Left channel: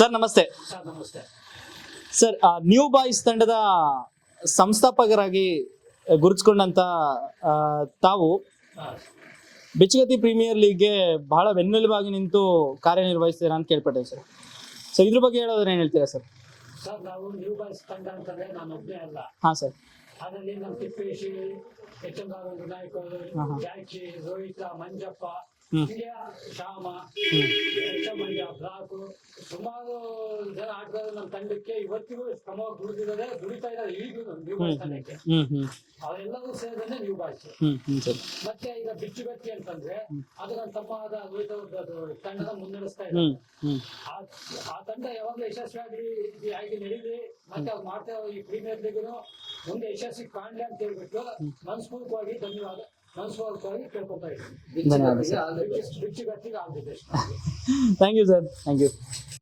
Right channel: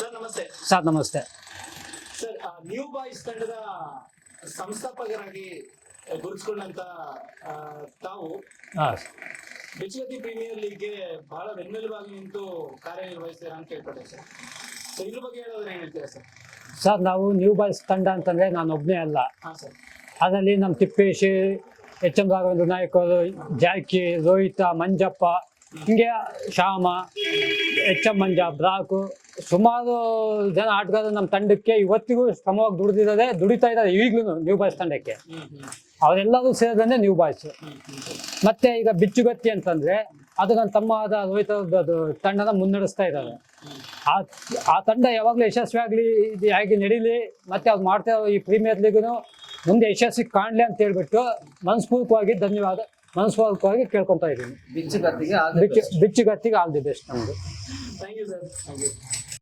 Sir ನಮಸ್ತೆ. Sir ನಮಸ್ತೆ. Sir new boys ತಂಡದ ಸಂಸ್ಥಾಪಕರಾಗಿ ಗುರುತಿಸ್ಕೊಂಡಂತ ತಾವು ಹಾಂ. ಬೆಚ್ಚಗತಿ ಪ್ರೀಮಿಯರ್ ಲೀಗ್ಗೆ ಬಹಳ ಬೆನ್ನೆಲುಬಾಗಿ ನಿಂತು ಕಾರ್ಯನಿರ್ವಹಿಸ್ತೀರಾ ಅಂತ ಕೇಳ್ಪಟ್ಟೆ ಸರ್. ಸರ್ ಇದ್ರ ಬಗ್ಗೆ ಹೇಳೋದ್ರೆ ಏನು ಹೇಳ್ತೀರಾ ಸರ್? ಸರ್ ನಾವು ನ್ಯೂ ಬಾಯ್ಸ್ ತಂಡ ಅಂತಂದ್ರೆ ನಾನು ಒಬ್ಬನೇ ಅಲ್ಲ. ಹಾಂ ಸರ್. ಅದರಲ್ಲಿ ನಮ್ಮ ತಿಪ್ಪೇಶಿ ಎಚ್ ಎಂ ರಾಘವೇಂದ್ರ ನಾಯಕರು ಜಾಕಿ ರೋಹಿತ ಮಂಜಪ್ಪ. ಹಿಂಗೆ ಶ್ಯಾಮ ಎಚ್ ಎಂ ಮಂಜ ಬ್ರಾಕು ಸುಮಾರು ಜನ ಆಟಗಾರರು ನಮ್ಮ ತಂಡಕ್ಕೆ ಇವತ್ತಿಗೂ ಶ್ರಮವಾಗಿ ದುಡಿದಿದ್ದಾರೆ ದುಡಿತಾ ಇದ್ದಾರೆ ಈಗಲೂ ನ್ಯೂ ಬಾಯ್ಸ್ ತಂಡಕ್ಕೆ. ಅವರೆಲ್ಲರೂ ಸೇರಿದ್ರೆ ನ್ಯೂ ಬಾಯ್ಸ್ ಮತ್ತೆ ಈಗ ಬಿಚ್ಚುಗತ್ತಿ ಅಂತಂದ್ರೆ ಅದು ನನ್ನ ತಮ್ಮ ಆದ ರೋಹಿತ್ ತಂಡನ ಮುನ್ನಡೆಸ್ತಾ ಇದ್ದಾರೆ. ಆ ಆ ತಂಡ ಯಾವಾಗ್ಲೂ ಯಶಸ್ವಿ ಆಗ್ಲಿ ಇದು ಹೇಗೆ ನಡೀಲಿ ಮತ್ತೆ ಅವ್ರು ಮಾಡ್ತಾ ಇರೋ ಈ ಪ್ರೀಮಿಯರ್ ಲೀಗ್ನು ಮುಂದೆ ಯಶಸ್ವಿ ಕಾಣ್ಲಿ ಅಂತ ಹೇಳ್ಬಿಟ್ಟು ಮನಸ್ಪೂರ್ವಕವಾಗಿ ಧನ್ಯವಾದ. ಮನಸ್ಪೂರ್ವಕವಾಗಿ ಕೇಳ್ಕೊತಾ ಇದ್ದೀನಿ. ಬಿಚ್ಚಿಗತ್ತಿಗೆ ಬಿಚ್ಚು ಬಿಚ್ಚುಗತ್ತಿಗೆ ಆಲ್ ದಿ ಬೆಸ್ಟ್ ನಮ್ದು. Thank you sir thank you